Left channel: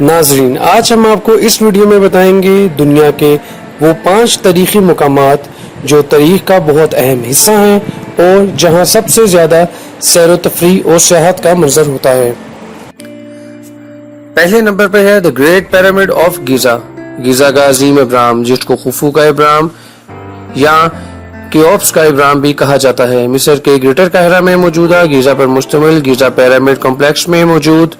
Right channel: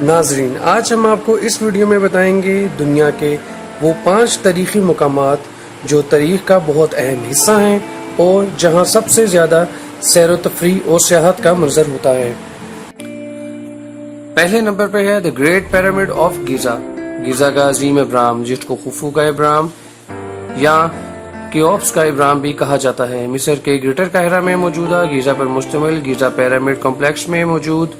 ناظرین، آج ہم آپ کو اس ویڈیو میں بتائیں گے دنیا کے وہ 5 تاریخی مقامات جو تاریخ کا بہت اہم حصہ ہیں اور جہاں سب سے زیادہ سیر و تفریح اور سیاحت کا منظر ہوتا ہے۔ پہلے نمبر پہ ہے دی گریٹ پیرامڈ آف گیزا، گیزا کا عظیم ابراہم، جس کو خوفو کا ابراہم یا کیوپس کا ابراہم بھی کہا جاتا ہے۔ مصر کے گریٹر قاہرہ میں موجودہ گیزا پر مشتمل گیزا پیرامڈ کمپلیکس میں موجود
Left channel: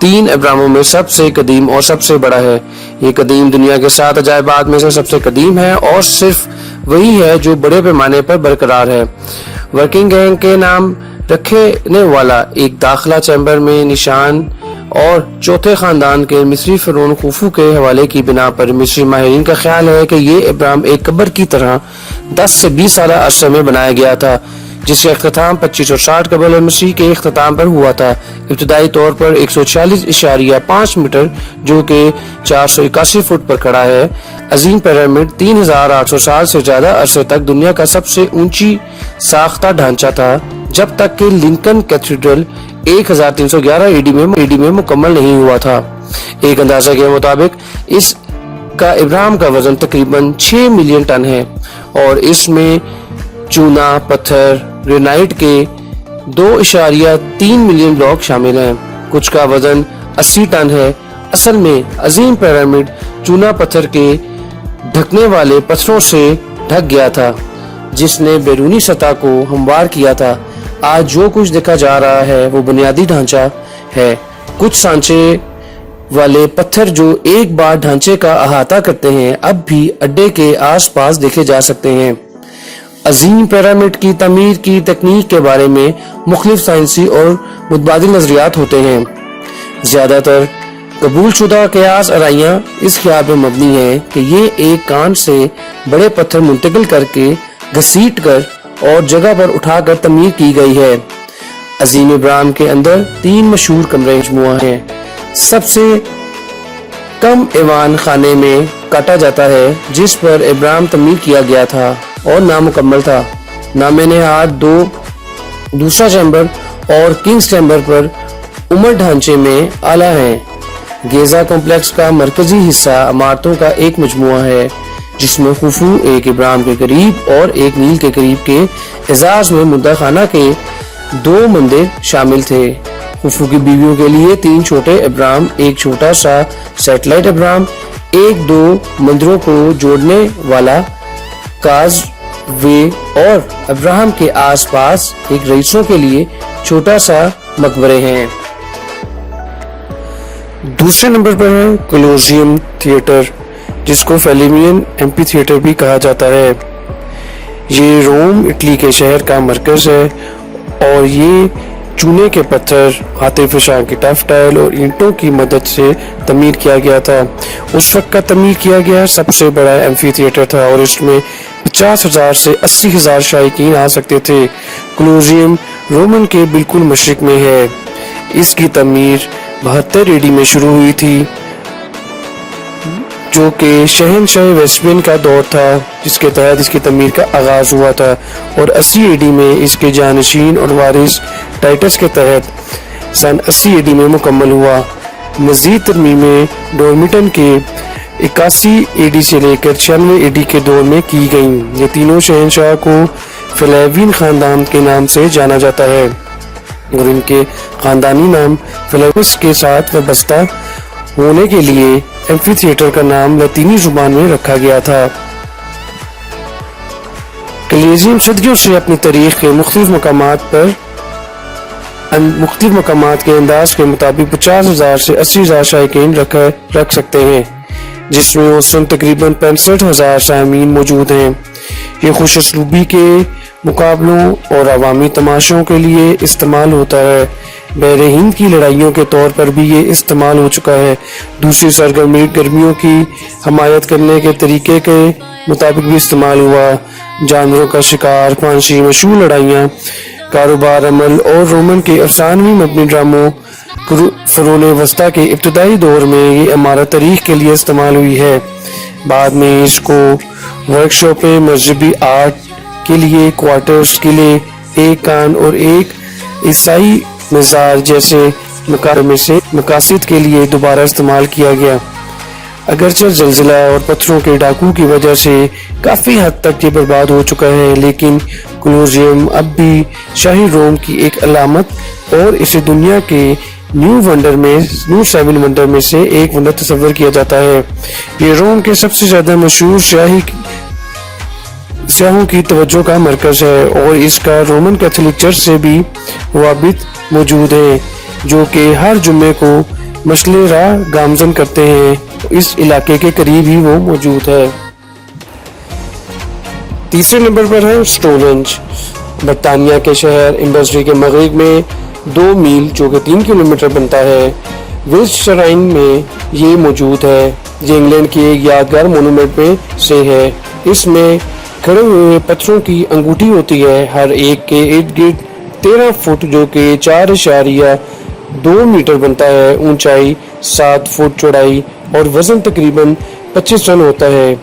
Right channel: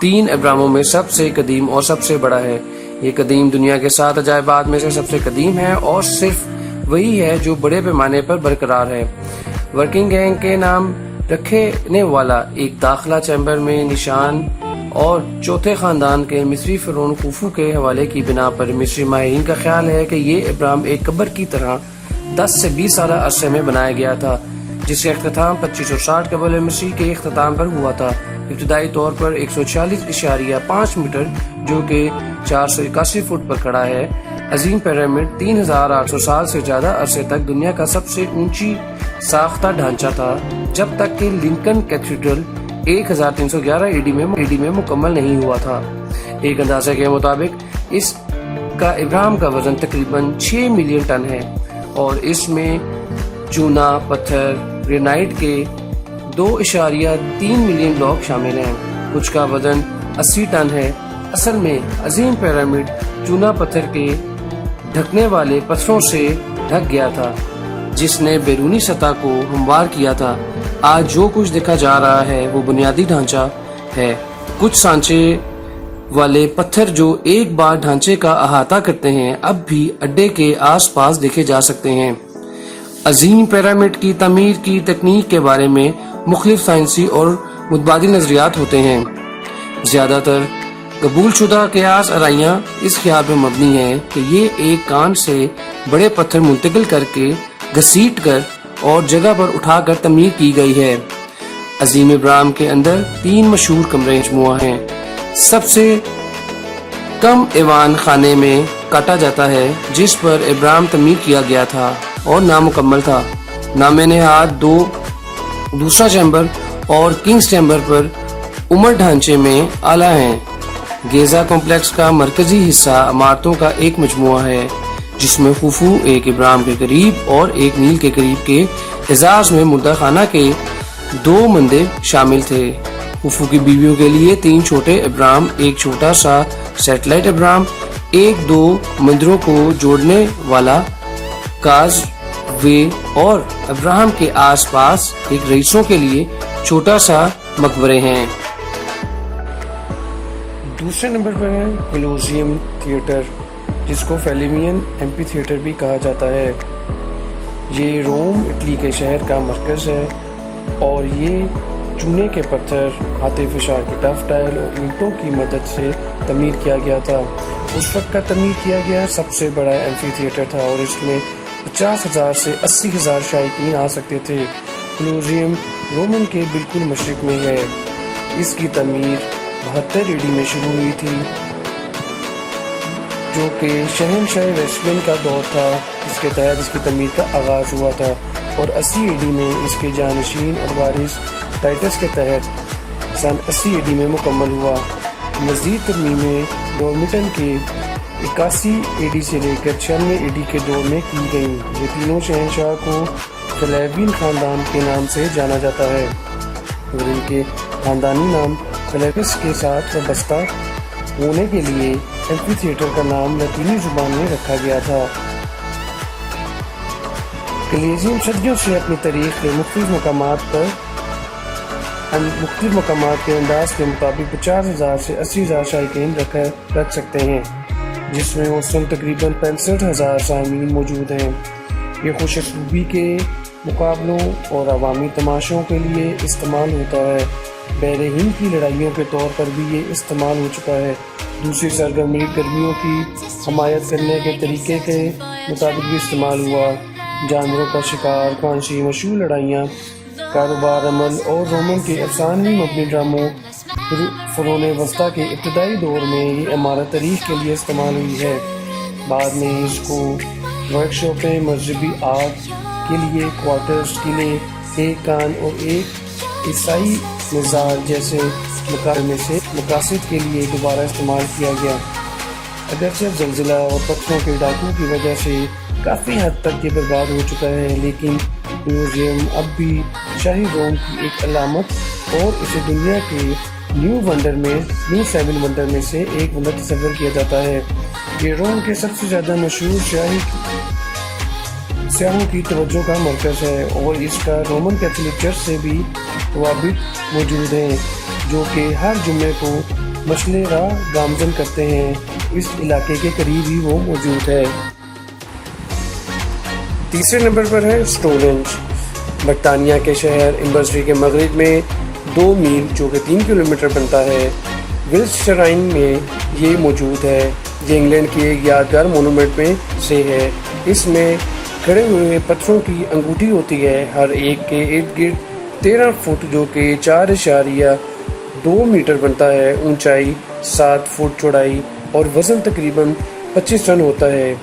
3 ابراہموں میں سب سے قدیم اور سب سے بڑا ہے۔ یہ قدیم دنیا کے 7 عجائبات میں سے سب سے قدیم ہے اور صرف وہی ہے جو بڑے پیمانے پر برقرار ہے۔ ورکنگ گینگ کے نام رکھنے والا ایک داخلہ چیمبر میں نشان اور چوتھے خاندان کے مصری فرعون خوفو کے حوالے کی بنا پر مصری ماہرین کا خیال ہے کہ یہ ابراہم ایک قبر کی طرح 10 سے 20 سالہ عرصے میں بنایا گیا تھا، جس کا اختتام 2560 قبل مسیح کے اختتام پر ہوا تھا۔ ابتدائی طور پر 146.5 میٹر جو کہ 481 فٹ پر کھڑا ہے، عظیم پیرامڈ 3800 سال سے زیادہ عرصے تک دنیا کا سب سے اونچی ساختہ ڈھانچہ تھا، جب تک کہ لنکن کیتھیڈرل 1311 ایڈی میں مکمل نہیں ہوا تھا۔ ایک اندازہ کے مطابق اس کا ابراہم کا وزن تقریباً 6 ملین ٹن ہے اور اس میں چونا، پتھر، گرینائٹ کے 2.3 ملین بلاک شامل ہیں۔ کچھ کا وزن 80 ٹن ہے۔ اصل میں عظیم پیرامڈ چونا پتھر کے ڈھکنے والے پتھروں سے ڈھک گیا تھا، جس نے بیرونی سطح کو ہموار کیا تھا۔ آج جو کچھ دیکھا جا رہا ہے وہ بنیادی ڈھانچہ ہے۔ کچھ سانچے والے پتھر جو ایک بار ڈھانچے کا احاطہ کرتے ہیں اب بھی اڈے کے آس پاس دیکھے جا سکتے ہیں۔ عظیم پیرامڈ کی تعمیر کی تکنیک کے بارے میں مختلف سائنسی اور متبادل نظریات ہوتے ہیں۔ زیادہ تر قبول شدہ قیاس آرائیاں اس خیال پر مبنی ہیں کہ یہ ایک کان سے بڑے پتھر منتقل کر کے گھسیٹ کر اور جگہ پر اٹھا کر تعمیر کی گئی ہے۔ عظیم ابراہم کے اندر 3 مشہور کمرے مجموعہ ہیں۔ سب سے کم ایوان خانے میں کاٹا جاتا ہے جس پر ابراہم تعمیر کیا گیا تھا اور نامکمل تھا۔ نام نہاد دوسرا چیمبر اور کنگز چیمبر پر عمر ڈھانچے میں اعلیٰ ہیں۔ گیزا کمپلیکس کا مرکزی حصہ عمارتوں کا ایک مجموعہ ہے جس میں خوفو ایک ابراہم کے قریب اور ایک نیل کے قریب کے اعزاز میں مردہ خانہ کے 2 مندر شامل تھے۔ خوفو کی بیویوں کے لیے 3 چھوٹے ابراہم، ایک چھوٹا سا سیٹلائٹ ابراہم، ایک 2 مندروں کو جوڑنے والا کاز وے اور ابراہم کے آس پاس ایک رئیسوں کے لیے چھوٹا سا مقبرے ہیں۔ دوسرے نمبر پر ہے کولوسیوم تھیٹر، جس کو فیلیمین ایمپی تھیٹر بھی کہا جاتا ہے۔ یہ روم اٹلی کے شہر کا مرکز ہے اور یہ چونے کے پتھر، ہاتھ فشاں کی ٹف ٹائل اور اینٹوں کی مدد سے تعمیر کیا گیا تھا۔ اس وقت کا تعمیر کیا گیا سب سے بڑا ایمفی تھیٹر تھا اور اس میں 50,000 سے 80,000 شائقین آ سکتے تھے۔ کولوسیوم رومن کے بالکل مشرق میں ہے۔ اس کی تعمیر 72 ایڈی میں شروع ہوئی تھی، جو کہ شہنشاہ ویسپین کا دور تھا، جس کے تحت اس کی تعمیر کا آغاز ہوا تھا، اور 80 ایڈی میں اس کے جانشین اور وارث ٹائٹس کے تحت سن 80 ایڈی میں مکمل ہوا۔ مزید ترمیمیں ڈورمیٹن کے 81 ایڈی سے لے کر 96 ایڈی کے دور میں کی گئیں۔ یہ تینوں شہنشاہ کو فلیوین خاندان کے نام سے جانا جاتا ہے اور ان کے خاندانی نام فلیوس کے ساتھ وابستہ ہونے کے لیے ایمفی تھیٹر کا نام لاطینی زبان میں رکھا گیا تھا۔ کلیزیم صدیوں سے اپنی تاریخ کے مختلف مقامات کے انداز کے مطابق 50,000 سے 80,000 شائقین رکھ سکتے ہیں، جس میں اوسطاً تقریباً 65,000 سامعین موجود ہیں۔ یہ خوش اسلوبی کے مقابلوں اور عوامی تماشوں کے لیے استعمال ہوتا ہے۔ بحر ہند کی لڑائیوں کے طور پر بھی یہ استعمال ہو چکا ہے۔ دوسری گرمیوں کی حمایت کرنے کے طریقے کے مطابق بھی استعمال ہوا۔ جانوروں کا شکار، پانچی، مشہور لڑائیاں، کاروبار، عمل اور رومن کے افسانوی مبنی ڈراموں۔ فرعون وسطیٰ کے ابتدائی دور میں یہ عمارت تاریخ کے لیے استعمال ہوئی ہے۔ بعد میں اس کو ورکشاپیں، مذہبی آرٹ کے لیے کوارٹرز، قلعے، ایک کان اور ایک عیسائی مزار جیسے میں سے مقاصد کے لیے دوبارہ استعمال کیا گیا۔ اگرچہ زلزلہ اور پتھروں کے ڈاکو کی وجہ سے کافی حد تک یہ برباد ہو چکا ہے، لیکن کولوسیوم اب بھی شاہی روم کی ایک علامت اور اسے دنیا کے نیو سیون ونڈر میں سے ایک ونڈر تصور کیا جاتا ہے۔ یہ روم کے سب سے زیادہ مشہور سیاحوں کی توجہ کا مرکز ہے اور اس کا رومن کیتھولک چرچ سے بھی روابط موجود ہیں، جو کہ ہر جمعے کو مشعل راہ گامزن کرتے ہیں۔ اس علاقے کے قریب ہی وہ موجود ہے۔ تیسرے نمبر پر ہے سٹونہنج۔ برطانیہ کے شہر انڈسٹری کے مغرب میں 2 میل جو کہ 3 کلومیٹر بنتا ہے ولٹشائر میں یہ موجود ہے۔ یہ انگلینڈ کی ایک یادگار مونومنٹ میں سے ہے۔ اس میں کھڑے ہوئے پتھروں کی انگوٹھی ہوتی ہے، ہر ایک کے ارد گرد 13 فٹ جو کہ 4.2 میٹر بنتا ہے، اونچائی 7 فٹ، چوڑائی اور وزن تقریباً 25 ٹن ہوتا ہے۔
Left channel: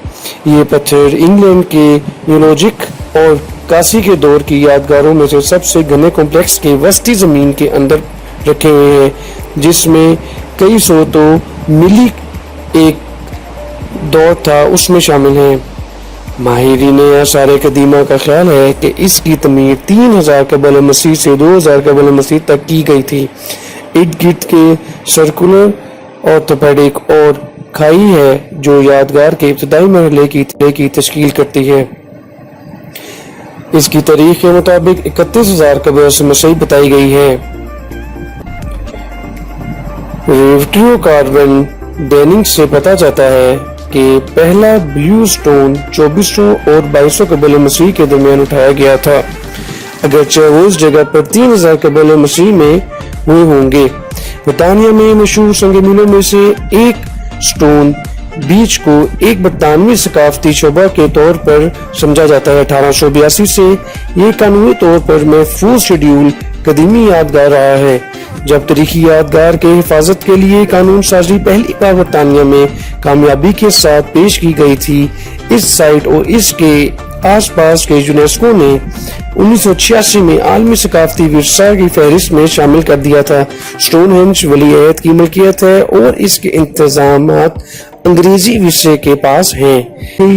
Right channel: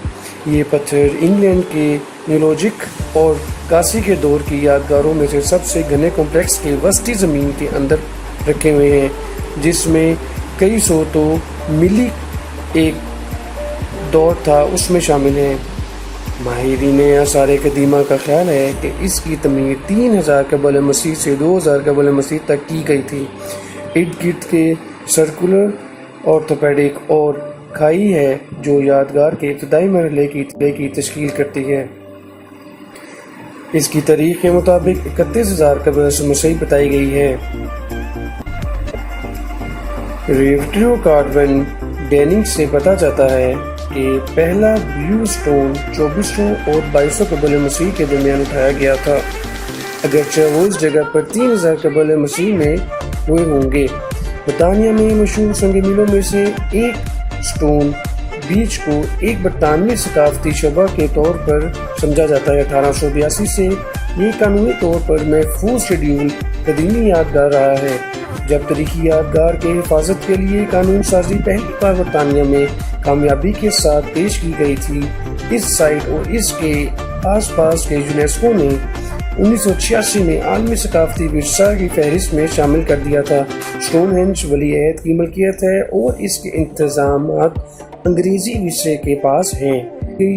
یہ پتھر انگلینڈ کے نیولوجک اور کاسی کے دور کی یادگاروں میں سے سب سے گھنے کمپلیکس کے وسطی زمین کے اندر رکھے ہوئے ہیں، جس میں کئی سو تو ملی ایک دور تھا اس میں شامل ہیں۔ ماہرین آثار قدیمہ کا خیال ہے کہ اس کی تعمیر 3000 قبل مسیح سے 2000 قبل مسیح تک کی گئی تھی۔ ارد گرد کے سرکولر آرتھوپیڈک اور کھائی ہے جو یادگار کے ابتدائی مرحلے کی تشکیل کرتی ہے۔ اس کی تاریخ کے مطابق 31000 قبل مسیح بتائی گئی ہے۔ ریفٹریو کاربن ڈیننگ سے پتہ چلتا ہے کہ پہلا بلیو سٹون 2400 اور 2200 قبل مسیح کے درمیان اٹھایا گیا تھا، اگرچہ وہ اس جگہ پر 3000 قبل مسیح میں ہوئے ہوں گے۔ برطانیہ میں مشہور سنگ میلوں میں سے ایک سٹون بیچ کو ایک برطانوی ثقافتی شعبہ کے طور پر سمجھا جاتا ہے۔ 1882 سے یہ قانونی طور پر محفوظ شیڈول قدیمی یادگار رہا ہے۔ جب تاریخی یادگار کے حفاظت کے لیے قانون سازی پہلی بار برطانیہ میں کامیابی کے ساتھ پیش کی گئی تھی، اس سائٹ اور اس کے آس پاس کے یونیسکو نے 1986 میں عالمی ثقافتی ورثہ کی فہرست میں شامل کر دیا تھا۔ سٹون ہنج ولی عہد کی ملکیت ہے اور اس کے انتظامات انگریزی ورثے کے پاس ہیں،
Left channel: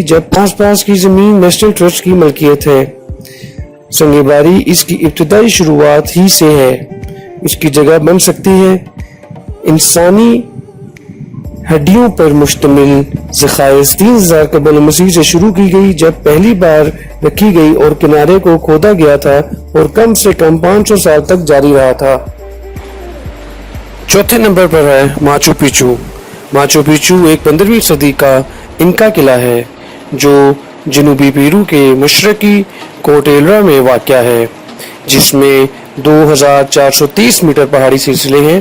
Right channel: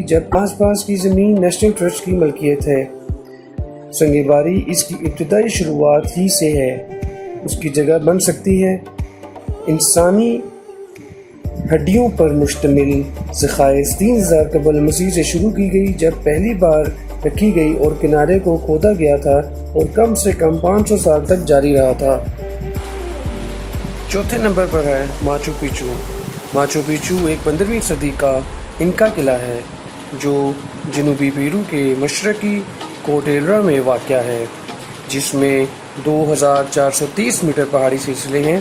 جب آس پاس کی زمین نیشنل ٹرسٹ کی ملکیت ہے۔ سنگ باری اس کی ابتدائی شروعات ہی سے ہے۔ اس کی جگہ بن سکتی ہے۔ انسانی ہڈیوں پر مشتمل ذخائر 3000 قبل مسیح سے شروع کی گئی، جب پہلی بار رکھی گئی اور کنارے کو کھودا گیا تھا اور کم سے کم 500 سال تک جاری رہا تھا۔ چوتھے نمبر پر ہے ماچو پیچو۔ ماچو پیچو ایک 15ویں صدی کا انکا قلعہ ہے جو جنوبی پیرو کے مشرقی کوٹیلرا میں واقع ہے، جس میں 2430 میٹر پہاڑی سلسلے ہیں۔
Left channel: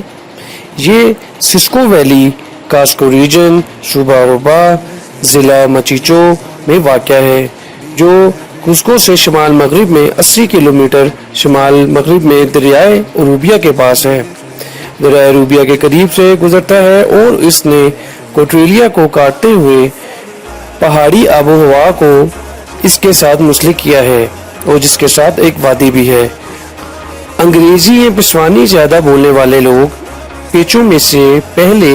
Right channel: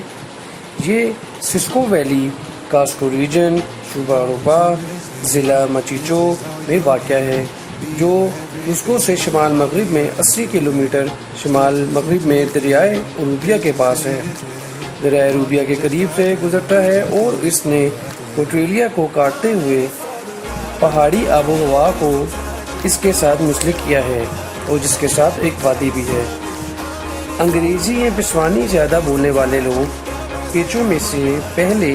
یہ سسکو ویلی کاسکو ریجن صوبہ روبا ضلع مچیچو میں واقع ہے، جو کسکو سے شمال مغرب میں 80 کلومیٹر شمال مغرب میں دریائے اروبیا کے پاس ہے۔ دریائے اروبیا کے قریب سے گزرتا ہے اور اس نے کوٹریلیا کو کاٹتے ہوئے پہاڑی آب و ہوا کو اس کے ساتھ منسلک کیا ہے اور جس کے ساتھ ایک وادی بھی ہے۔ انگریزی یا پسوانی زیادہ بولنے والے لوگ پیچو میں سے پہلے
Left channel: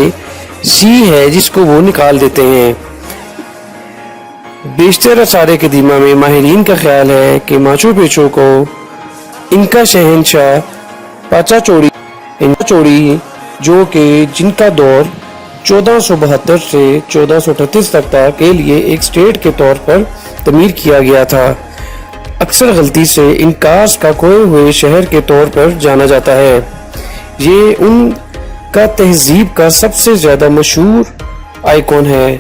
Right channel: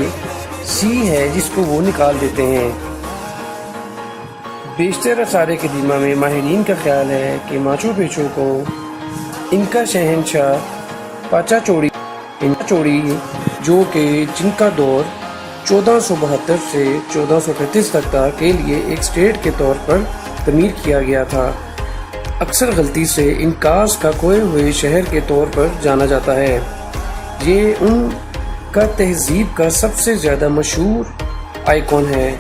سی ہے جس کو وہ نکال دیتے ہیں۔ بیشتر آثار قدیمہ میں ماہرین کا خیال ہے کہ ماچو پیچو کو انکا شہنشاہ پاچا چوڑی جو کہ جن کا دور 1472 سے 1438 تک تھا کے لیے ایک اسٹیٹ کے طور پر تعمیر کیا گیا تھا۔ اکثر غلطی سے انکاس کا کھوئے ہوئے شہر کے طور پر جانا جاتا ہے۔ یہ ان کا تہذیب کا سب سے زیادہ مشہور آئیکن ہے۔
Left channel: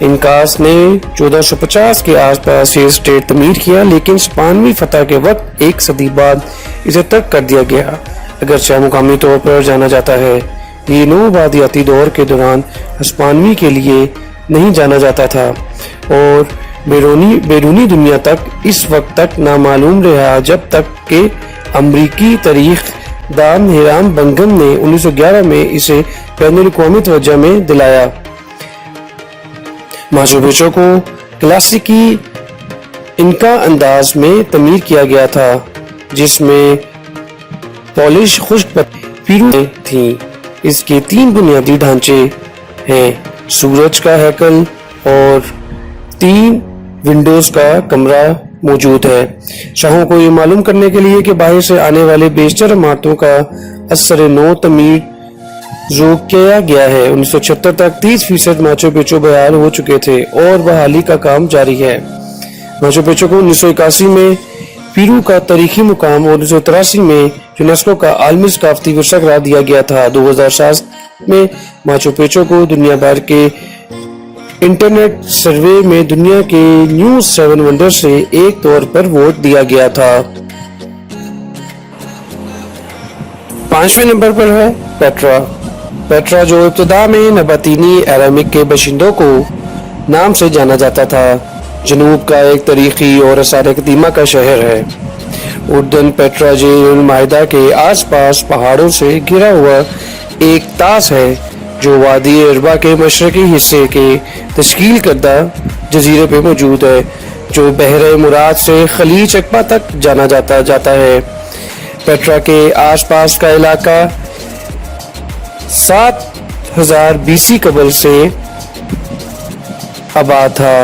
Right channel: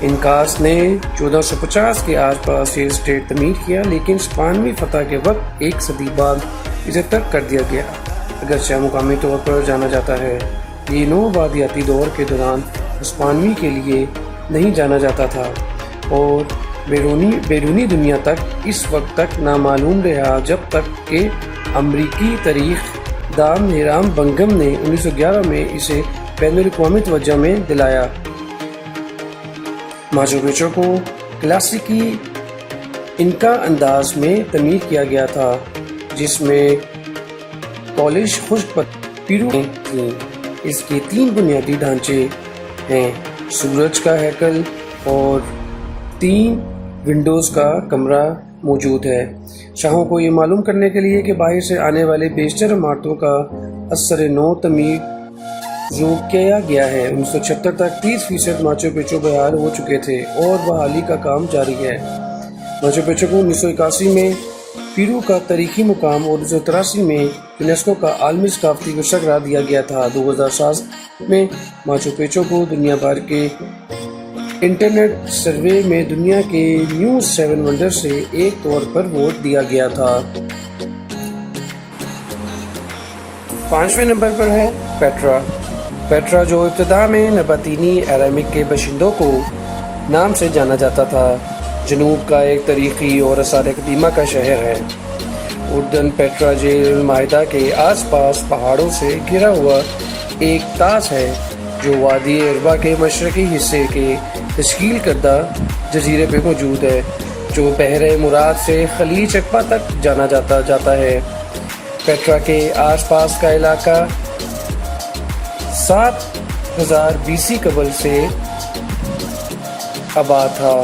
انکاس نے 1450 کے آس پاس یہ اسٹیٹ تعمیر کیا، لیکن اسپانوی فتح کے وقت ایک صدی بعد اسے ترک کر دیا گیا، اگرچہ مقامی طور پر جانا جاتا ہے۔ یہ نوآبادیاتی دور کے دوران ہسپانوی کے لیے نہیں جانا جاتا تھا اور بیرونی دنیا تک اس وقت تک نامعلوم رہا، جب تک کہ امریکی تاریخ دان ہیرام بنگم نے 1911 میں اسے بین الاقوامی توجہ میں دلایا۔ ماچو پیچو کو کلاسیکی انکا انداز میں تعمیر کیا گیا تھا، جس میں پالش خشک پیرو تھیں۔ اس کے 3 بنیادی ڈھانچے ہیں: سورج کا ہیکل اور 3 ونڈوز کا کمرہ موجود ہے۔ شاہوں کو یہ معلوم کرنے کے لیے کہ باہر سے آنے والے بیشتر عمارتوں کا اثر نو تعمیر ذوق کیا گیا ہے۔ 1976 تک 30% ماچو پچو بحال ہو چکے تھے اور بحالی کا کام جاری ہے۔ ماچو پچو کو 1981 میں پیرو کا تاریخی مقام اور 1983 میں یونیسکو کا عالمی ثقافتی ورثہ قرار دیا گیا تھا۔ 2007 میں ماچو پچو کو دنیا بھر کے انٹرنیٹ سروے میں دنیا کے نیو 7 ونڈر سے ایک طور پر ووٹ دیا گیا تھا۔ 5ویں نمبر پر ہے پیٹرا۔ پیٹرا جو ابتدا میں نباتینی ایرامک کے باشندوں کو نام سے جانا جاتا تھا، جنوب کا ایک تاریخی اور آثار قدیمہ کا شہر ہے۔ اردن پیٹرا جیل المعاہدہ کے آس پاس پہاڑوں سے گھرا ہوا ایک طاس ہے جو وادی اربا کے مشرقی حصے کے تشکیل کردہ جزیرے پہ موجود ہے، جو بحر مراد سے خلیج عقبہ تک جانا جاتا ہے۔ پیٹرا کے آس پاس کا علاقہ 7000 BC قبل سے آباد تھا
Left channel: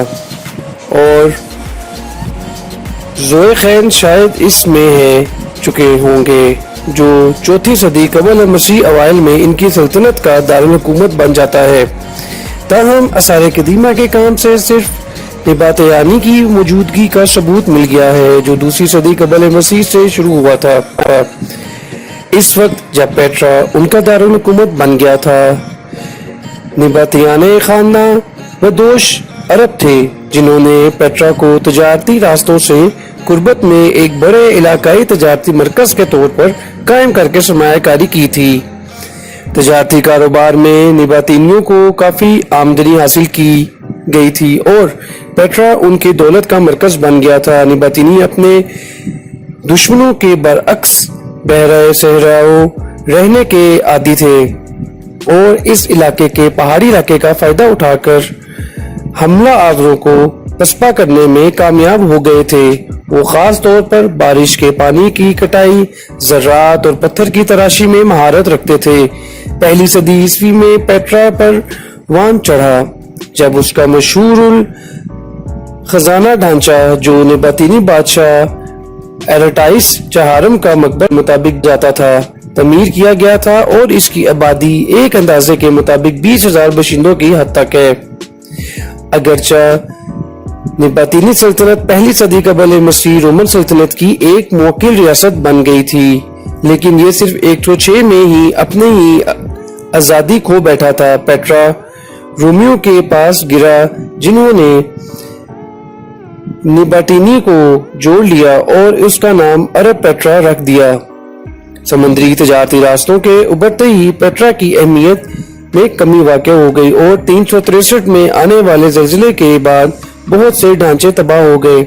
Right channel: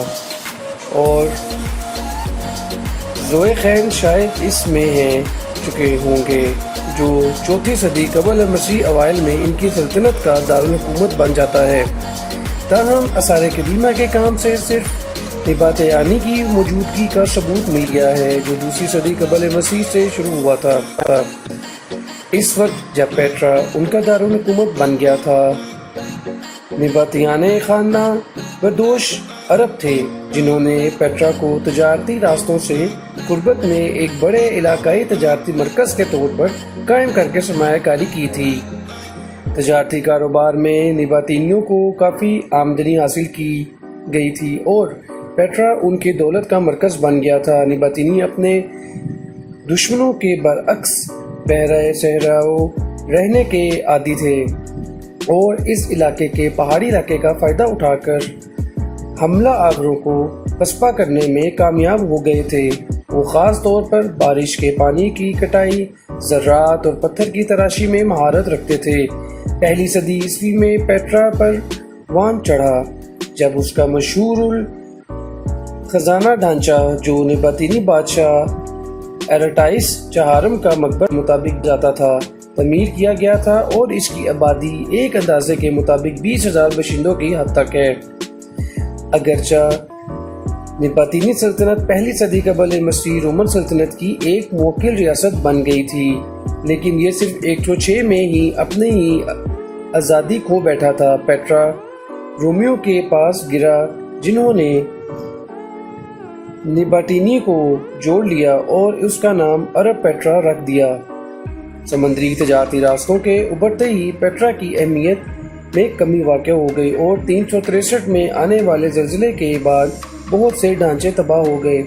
اور ذوقین شاید اس میں ہے چکے ہوں گے، جو 4 صدی قبل مسیح اوائل میں ان کی سلطنت کا دارالحکومت بن جاتا ہے۔ تاہم آثار قدیمہ کے کام سے صرف نباتیانی کی موجودگی کا ثبوت مل گیا ہے، جو 2 صدی قبل مسیح سے شروع ہوا تھا۔ اس وقت جب پیٹرا ان کا دارالحکومت بن گیا تھا، نباتیانے خاندان بدوش عرب تھے جنہوں نے پیٹرا کو تجارتی راستوں سے قربت میں ایک بڑے علاقائی تجارتی مرکز کے طور پر قائم کر کے سرمایہ کاری کی تھی۔ تجارتی کاروبار میں نباتینیوں کو کافی آمدنی حاصل کی گئی تھی اور پیٹرا ان کی دولت کا مرکز بن گیا تھا۔ نباتینی اپنے دشمنوں کے برعکس بحیرہ صحراؤں رہنے کے عادی تھے اور اس علاقے کے پہاڑی علاقے کا فائدہ اٹھا کر حملہ آوروں کو پسپا کرنے میں کامیاب ہو گئے تھے۔ وہ خاص طور پر بارش کے پانی کی کٹائی، زراعت اور پتھر کی تراشی میں مہارت رکھتے تھے۔ 1 صدی عیسوی میں پیٹرا پر وان چڑھا جب اس کا مشہور خزانہ ڈھانچہ جو نباتینی بادشاہ ایرٹائس چہارم کا مقبرہ مطابق جاتا تھا تعمیر کیا گیا تھا اور اس کی آبادی ایک اندازے کے مطابق 20,000 باشندوں کی حد تک ہے۔ اگرچہ نباتینی سلطنت 1 صدی قبل مسیح رومن سلطنت کی ایک موکل ریاست بن گئی تھی، لیکن یہ صرف 106 میں ہی اپنے ہی آزادی کھو بیٹھا تھا۔ پیٹرا رومیوں کے پاس گرا جنہوں نے نباتینی کو جوڑ لیا اور اس کا نام عرب پیٹرا رکھ دیا۔ سمندری تجارتی راستوں کے ابھرتے ہی پیٹرا کی اہمیت میں کمی واقع ہو گئی اور 363 میں آنے والے زلزلے کے بعد بہت سے ڈھانچے تباہ ہو گئے۔